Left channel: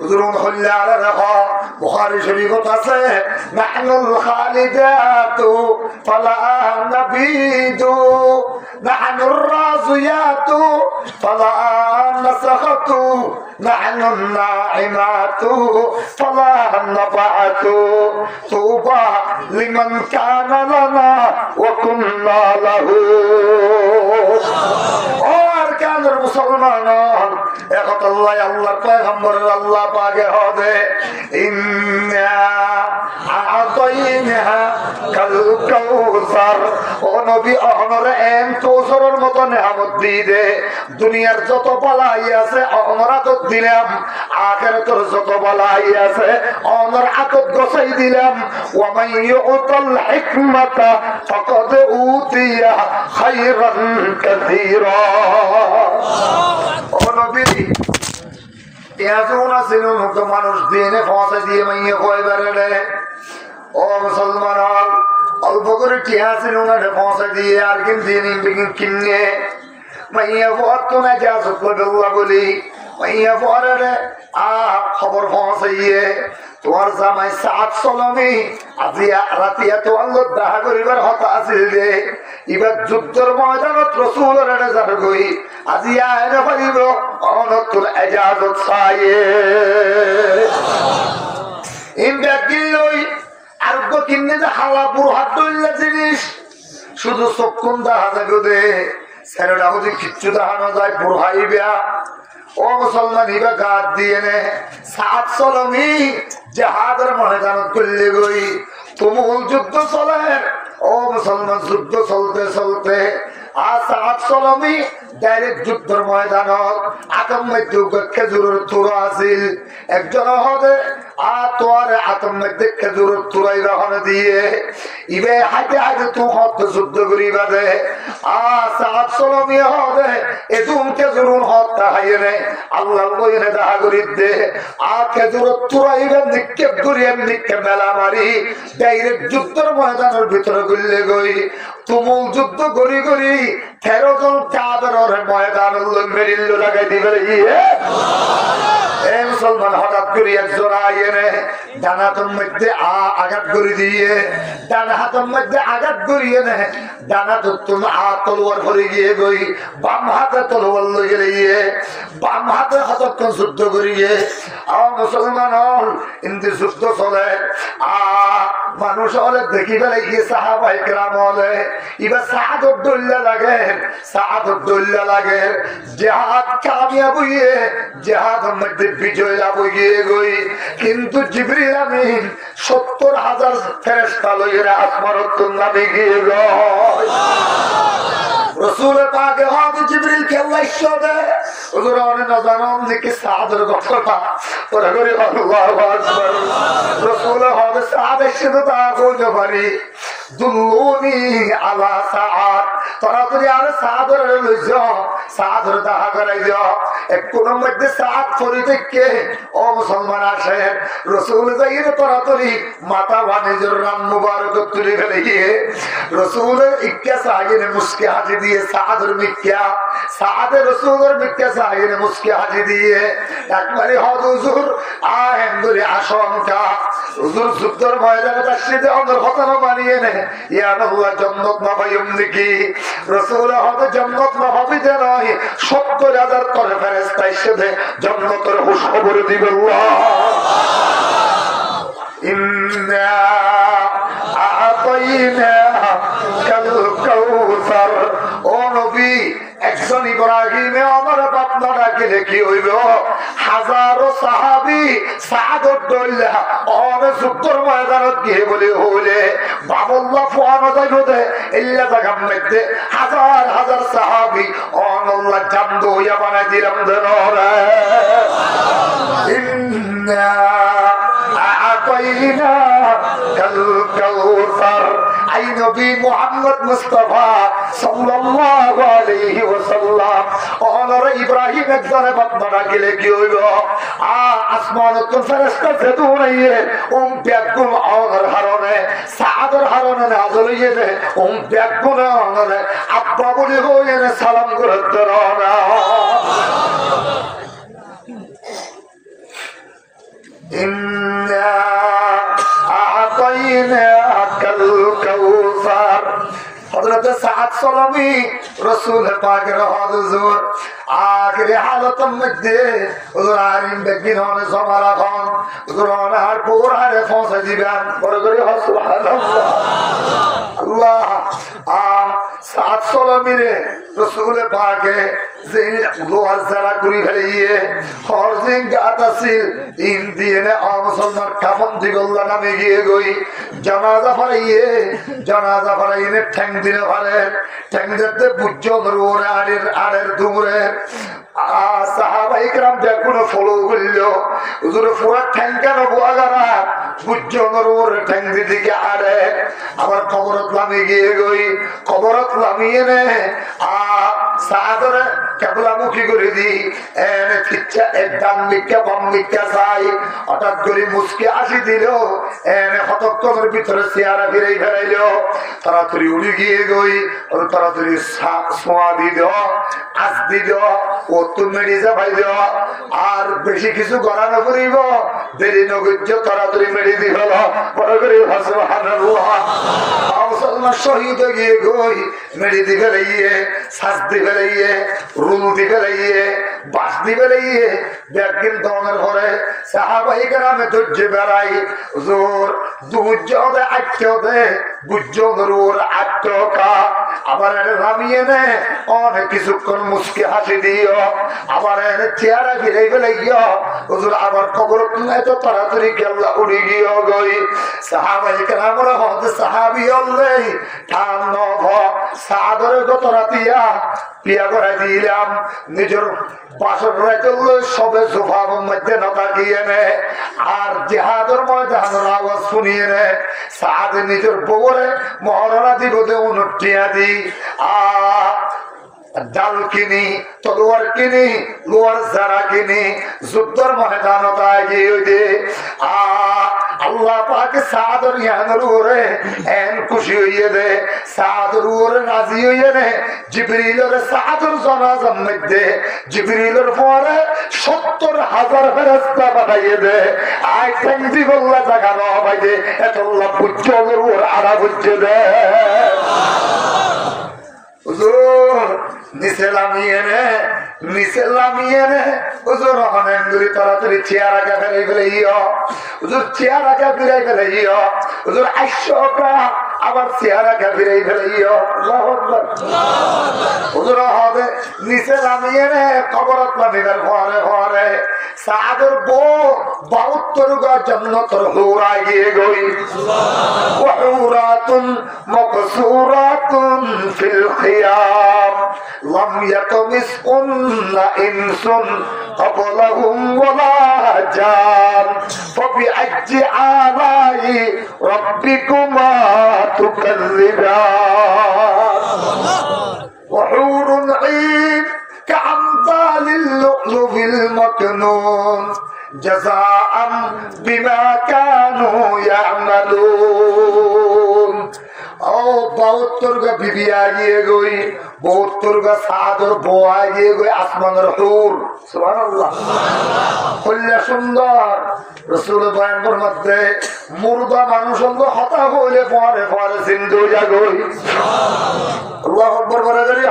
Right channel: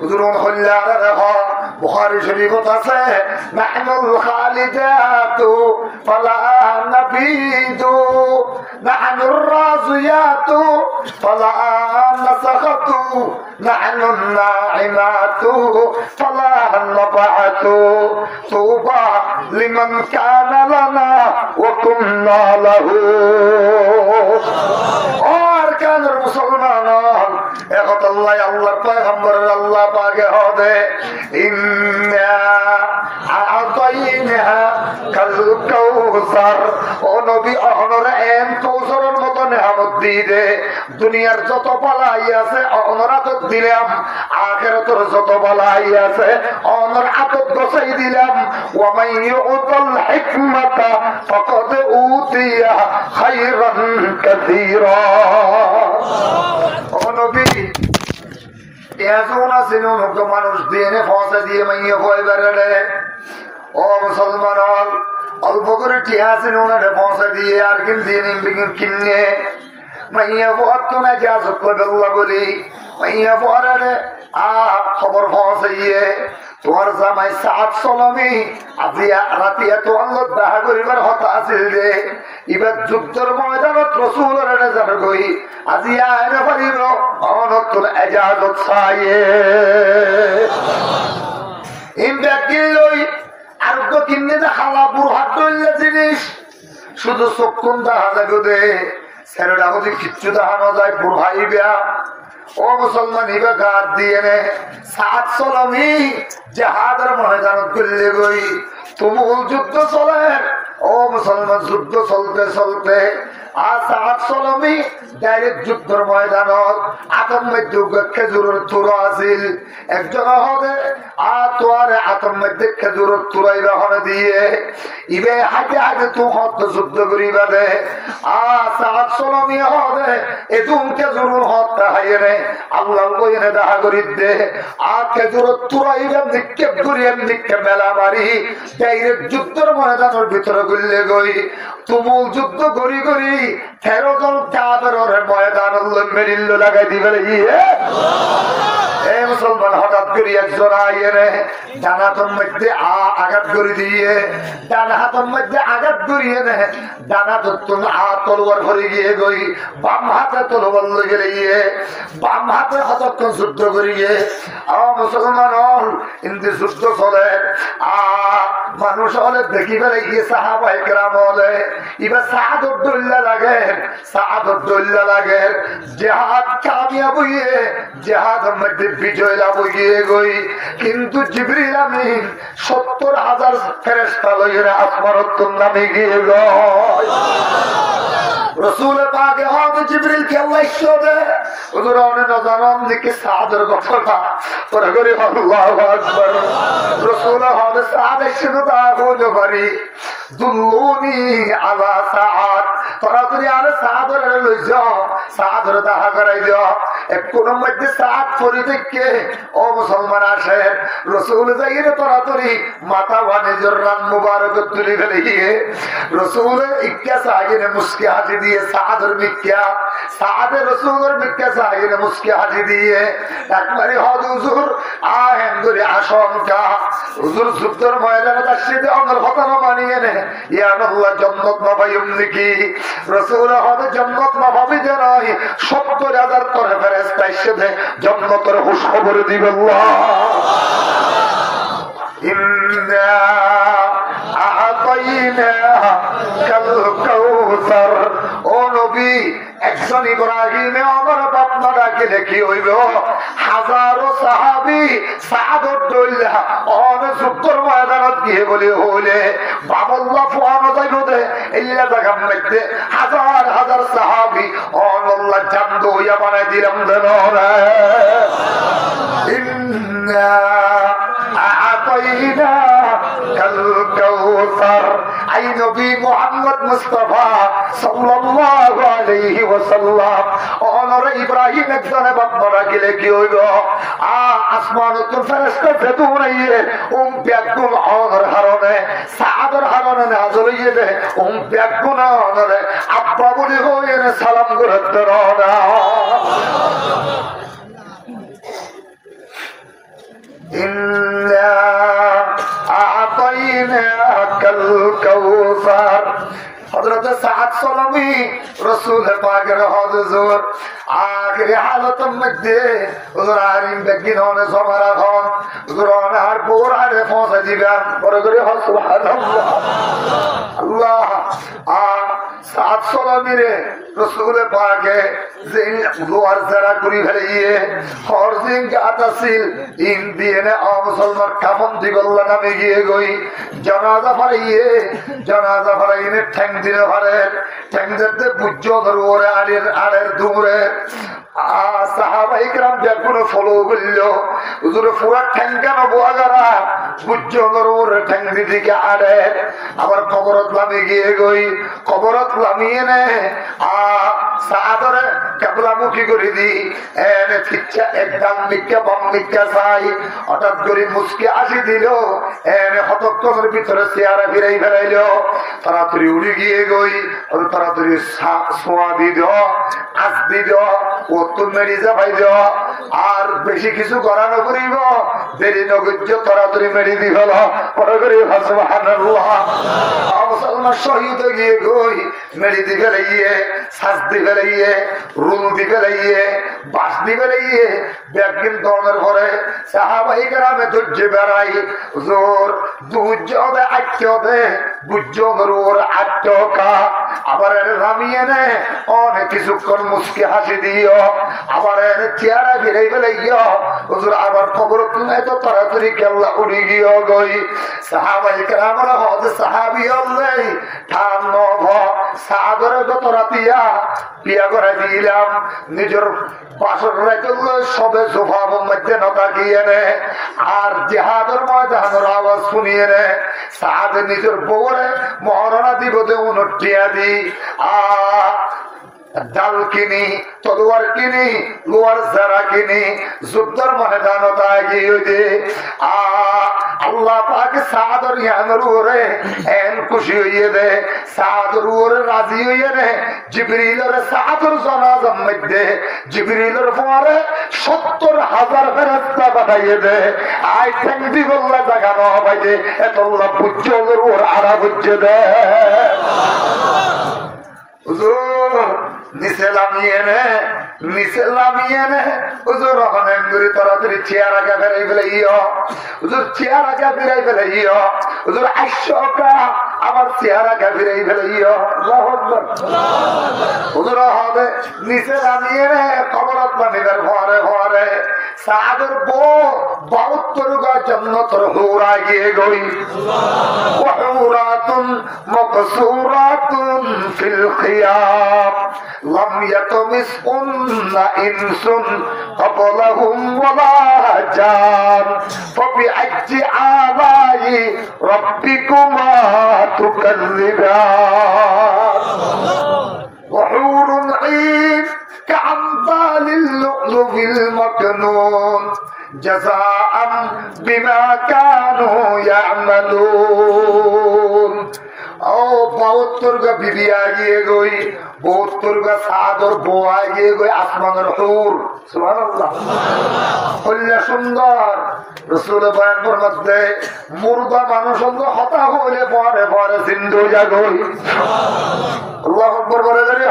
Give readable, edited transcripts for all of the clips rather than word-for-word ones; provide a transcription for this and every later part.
হুজুরুন হল্লার রেহ বুখারী শরীফত আছে নাহনুল খালিদাতু ফালা নাবিদু নাহনুর রাজিয়াতু ফালা নাসাখাতু নাহনুন নাইমাতু ফালা নাবাতু তুবা লিমান কানা লানা ওয়া কুননা লাহু। ও আরকানের মুসলমান এখন আল্লাহ আল্লাহর পয়গম্বরের আল্লাহ পাকে হবে ইন্না আতাইনা কাল কাউসার। ও নবী অহনরে এম কৌসরের মতো নেয়ামত দিয়ে দে। দুনিয়ার যত বালাই আছে অহনর আতত দিলাম, আখিরাতের যত বালাই আছে অহনর আতত গছাই দিলাম। ওয়া মান ইউতাল হিকমাতা ফাকাদ উতিয়া খায়রান কাসীরা। ও নবী এজন আছে মুক্ত মানুষ দিয়ে ফসা দিয়ে মাইয়ে কয় বেড়ে। ও মুসলমান অল্প করে টিয়া আছে ওনারে ফসা দিয়ে আর কিনে মাইয়া পড়তো না যা সত্য বলি মাইয়া পড়ারে খবর পৌঁছাইয়ে তোমার জামাই সাত সলমি আজিয়া রাতিয়া তো আল্লাহ দেখা করিবার হতা আছিল রে। এবার যুদ্ধের ময়দানত রসুলের নেজার গই আজিয়া এনে পারিব অনতুন এজাজত চাইয়ে ইন্দাকিলই আরোগ্য কিনে যে খালা বুড়হাট দইলে জিনিস শুধু চক্ষুন দেখা যাবে দে ছেলেটা যদি কিচ্ছু দেখানো যায় বুড়হাই বেয়া। ও মুসলমান ইবা গাত দিয়ে নে সাত সলমি জাহাদের ময়দানত করলে গই তুমুল যুদ্ধ চলে। ও মুসলমান যুদ্ধ চলতে চলতে সাত সলমি ডাইরেক্ট যুদ্ধের ময়দানত আতম মধ্যে খেজুরের তুরা আছিল একজন হদে তোয়ারে আতম মধ্যে খেজুরের তুরাই রহন দিয়ে ইবে হাইতে হাইতে তু হত যুদ্ধ করিবা দে সাত সলমি হদে এদুম খেজুরুন হত্যা হাইয়ে আল্লাহ বইনে দেখা করি দে খেজুরের তুরাইবে নিক্ষেপ করিয়ে নিক্ষেপ মেলা মারি ডাইরেক্ট যুদ্ধের ময়দানের ভিতরে গুললে গই তুমুল যুদ্ধ করি করি 13 জন কাফেরের ময়দান মেরিল্লো লাগাই দিবে। এই মুসলমান হঠাৎ করে একজন আইনে ডান হাতের মধ্যে আঘাত করে দিয়ে ডান হাতের মধ্যে আঘাত করিয়ে নে ডান হাতের তলোয়ার ভরে গিয়ে গই বাম হাতে তলোয়ার লইয়ে গিয়ে বাম হাতে হতক্ষণ যুদ্ধ করিয়ে মুসলমান হল ইন্দি যুদ্ধ চলে মানুষ হলে দেখি ফেলে গিয়ে সাহাবাই কেরাম হলে এবার সাহাদর দল্লা লাগে সাহাদর দল্লা লাগে জেহাদ কামিয়াব হইয়ে জেহাদ মধ্যে বিজয় লাভ হইয়ে গই। কিন্তু জিবরিল আমিন 70,000 ফেরেশতা লইয়া আসমানত নামে গিয়ে গয়। রসুল পাকে হয়তো জিবরিল কে আল্লাহ ইচ্ছা দে হুজুর অনে না জানাম দিকে সাদের কথা পরে করে আল্লাহু আকবার। রসুল হবে সাদ এসে তা বলতে পারি দুল্লুনি আলা সাআদ তোরা তুই আরে সাদর লই যাও সাদর দেখা করাই যাও কোন মধ্যে সাদ পরি থেকে ও মুসলমান আসে রসুল যাইয়ে তোরা তুই মাথা বানিজর রান মুবারক তুলি ফেলে রসুল ইক্কা সাইনে মুস্কে হাজি দিয়ে সাদর মিক্কা সাদে রসুলের মিক্কা সাইনে মুস্কে হাজি দিয়ে একবারে হদ হুজুর আহেন ধরে আশঙ্কা হুজুর যুদ্ধের ময়দানে তাসিদে আমার হতানো বানিয়ে নে ইয়া আল্লাহ জান্নাত না পাইম নাকি রাসূল হবে জান্নাত না পাবি যে নয় 70,000 করে ফেরেশতা এসে জান্নাতের খবর দিবে আল্লাহ। ইন্না আতাইনা কাল কাউসার। ও নবী একজন ইব্রাহিমে আমার বাপনা ডাকিলে কি হইব হাজারো সাহাবি সাদত দইলা অন যুদ্ধর ময়দানত গিয়ে বলে হইলে বাবুল্লাহ ফুয়ানো যাইব দে ইল্লা জায়গার মধ্যে হাজার হাজার সাহাবি অনল্লাহ জান্দ হইয়া বানাই দিলাম দেন রে। ইন্না আতাইনা কাল কাউসার। আই নবী মুহাম্মদ মুস্তাফা সাল্লাল্লাহু আলাইহি ওয়াসাল্লাম অনরে ইব্রাহিম একজনে বান্দা ডাকিলে কি হইল আসমানত ফেরেশতা ফেদুরাইয়ে ব্যাকুম অনর হারনে সাদর হারনে নাযল হইয়ে দে ব্যাকুম অনরে আব্বা বলি হইয়ে সালাম করতে রওনা। ইন্না আ'তাইনাকাল কাউসার। হযরত সাদ সালামি রাসূল পাকের হুজুর আখির হালতের মধ্যে হুজুর আরিম বেগিন হনে সমারা খান হুজুর আর পুরারে পৌঁছে দিবেন। বড় করে সুবহানাল্লাহ। আল্লাহ সাদ সালামিরে রাসূল পাকে যে দুয়ার যারা করি ফেলিয়ে হরজিং গাত আছিল ইন দিয়ে মুসলমান কাফন দিবল্লা নামে গিয়ে গই জানাজা ফারাইয়ে ঠ্যাং দিলে ফারের ঠ্যাং দিতে বুঝ ওরে আড়ের দূরে সাহাবাই کرام দেখুন ফলো করল হুজুরে পুরা ঠ্যাং কেন বোয়াগারা বুঝ ওরে ঠ্যাং দিকে আড়ে আবার কবরত লামি গিয়ে গই কবরত লামিয়ে নে সাদরে কেবলামুখী করে দি এনে ঠিকছে একদম মিক্কা বাম মিক্কা চাই হঠাৎ করে মুসকে আসি দিল এনে হতক্ষণের ভিতরে চেয়ারা ফিরাই ফেলাইল তাড়াতাড়ি উড়ে গিয়ে গই ওর তাড়াতাড়ি ছোঁয়া দিল আজ দিল ও তুন মেরি যাবাই দিল আর বেশি কিছু করানো করিব দেরি নগর্য তাড়াতাড়ি মেরি দি হল পরে করে সুবহানাল্লাহ। মুসলমান শহীদ গিয়ে গই মেরি দি ফেলাইয়ে শ্বাস দি ফেলাইয়ে রুল দি ফেলাইয়ে বাস দি ফেলাইয়ে ব্যাগিন দমের পরে সাহাবাই কেরামে ধৈর্য বেড়াই জোর দুজনে আটকে বুঝর ওর আটকা আবার নামিয়ে নে অনেক কিছুক্ষণ মুসকে হাসি দিও আবার চেয়ারা ফিরে ফেলে গিয়ে হুজুর আবার খবর তুলে তো তাড়াতাড়ি কেল্লা উড়ে গিয়ে গই সাহাবাই কেরামরা হতে সাহাবি অল্লেই ঠান নভ সাদরে গত রাতিয়া পিয়া করে দিলাম নিজের বাসর রেখে সবে সোফার মধ্যে নতাকিয়ে নে আর জেহাদের ময়দানের আওয়াজ শুনিয়ে নে সাদ নিজের বউরে মহারণা দিব দে উনটিয়া দি ডাল কিনি তলোয়ার কিনি লোয়ার যারা কিনি যুদ্ধর ময়দানতায় গিয়ে আল্লাহ পাকে সাদর ইয়ানের উপরে এন খুশি হইয়ে দে সাদর উপরে রাজি হইয়ে নে জিবরিলের সাদর জানাজার মধ্যে জিবরিলের পরে ৭০,০০০ ফেরেশতা পাঠাইয়ে দে আই ঠ্যাং দিবল্লা জায়গা ন পাইছে এতল্লা বুঝ্জলের উপর আড়া বুঝ্জে দে নিচে লামিয়ে নে হুজুর রহমানগুলি তাড়াতাড়ি চেয়ার আগে ফেলাই ফেলাইও হুজুর চেয়ার আগে ফিরাই ফেলাইও হুজুর ৮০০টা আবার চেয়ার আগে ফিরাই ফেলাইও হুজুর হবে নিচে লামিয়ে নে কবরত লামিবার ভরে সাদর বউ ৭২ গা জান্নাতের হুরা গিয়ে গই ওয়াহুরাতুন মাকসুরাতুন ফিল খিয়াম লাম ইয়াতমিসুন্না ইনসুন ক্বাবলাহুম ওয়ালা জান ফাবিআইয়ি আলাই রাব্বিকুমা তুকাযযিবান وحور عين كأمثال اللؤلؤ المكنون جزاء بما كانوا يعملون ও ৭২ গা বিবি আগিয়ে গই ৭২ গা সাদর বউ আগিয়ে গই আসমানের হুর সুবহানাল্লাহ কল্যা সুন্দর রাসূল বয়ানের মধ্যে মুর্দা মানুষ হতা হইলে পরে জিন্দু জাগই আল্লাহু আকবার বলে ধরি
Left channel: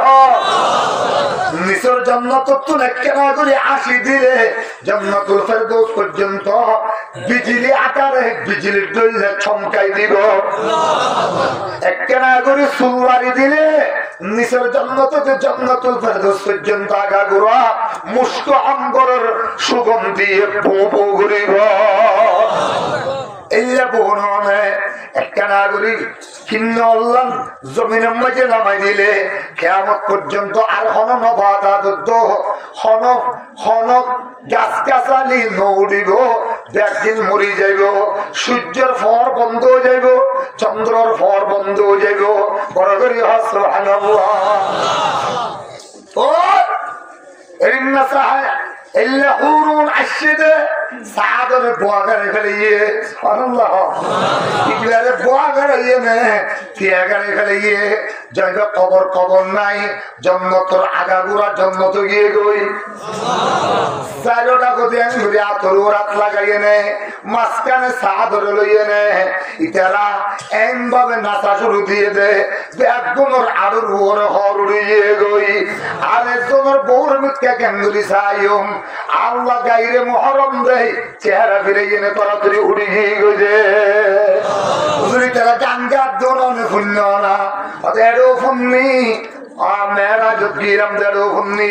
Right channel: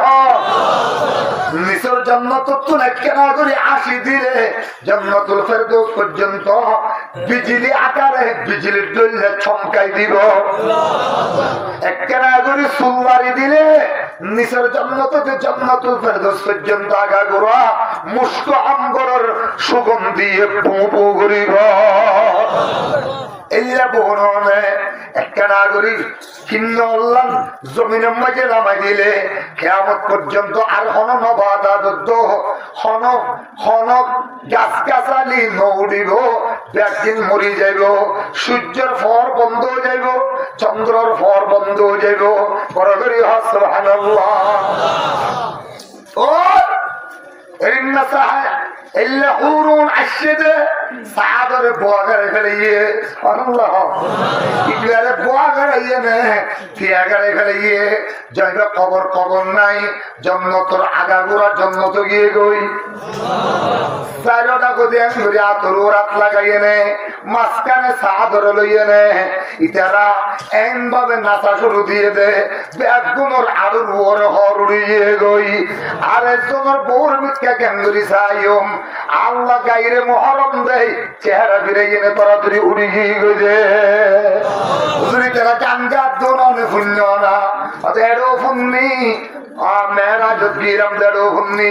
নিসর জান্নাত তো একখানা করে ৮০ দিলে জান্নাতুল ফেরদৌস পর্যন্ত বিজলি আকারে বিজলির দইলে চমকাই দিব একখানা করে সুলবাড়ি দিলে নিসর জান্নাতে জান্নাতুল ফেরদৌস পর্যন্ত আগা গোড়া মুস্ক আম্বরের সুগন্ধি পো ঘুরিব এইলা বহনে একখানা করি কিন্ন আল্লাহ জমিনের মাঝে নামাই দিলে কিয়ামত পর্যন্ত আর হন নবাদাত হন গাছ গাছালি নৌড়িব একদিন মরি যাইব সূর্যের ফর বন্ধ হয়ে যাইব চন্দ্রর ফর বন্ধ হয়ে যাইব বড় করি সুবহানাল্লাহ ও ইন্না সাহা ইল্লা হুরুন আশিদে সাদরে বোয়া গাড়ে ফেলে গিয়ে আল্লাহ ইগলারে বোয়া গাড়াইয়ে নে তিয়া গাড়ে ফেলে গিয়ে জয়গা কবর নাই জন্মতর আগাগুড়া জন্মত গিয়ে গই চারোটা কোথায় আমি ধরে আতর রাত লাগাইয়ে নে মাঝখানে সাদরে লইয়ে নে ইতারা এম ভাবে নাচা শুরু দিয়ে দে একজনের আরো ওর হর উড়িয়ে গই আর একজনের বউর মিথ্যা ক্যাঙ্গুরি চাইম আল্লাহ গাইরে মহরম দেয় চেহারা ফিরে গিয়ে তরাতরি উড়ি গিয়ে গই যে হুজুরি তারা গান গার দোনে শূন্য না অত এরও ফুন্নি মেয়েরা যদি দেড়ও ফুন্নি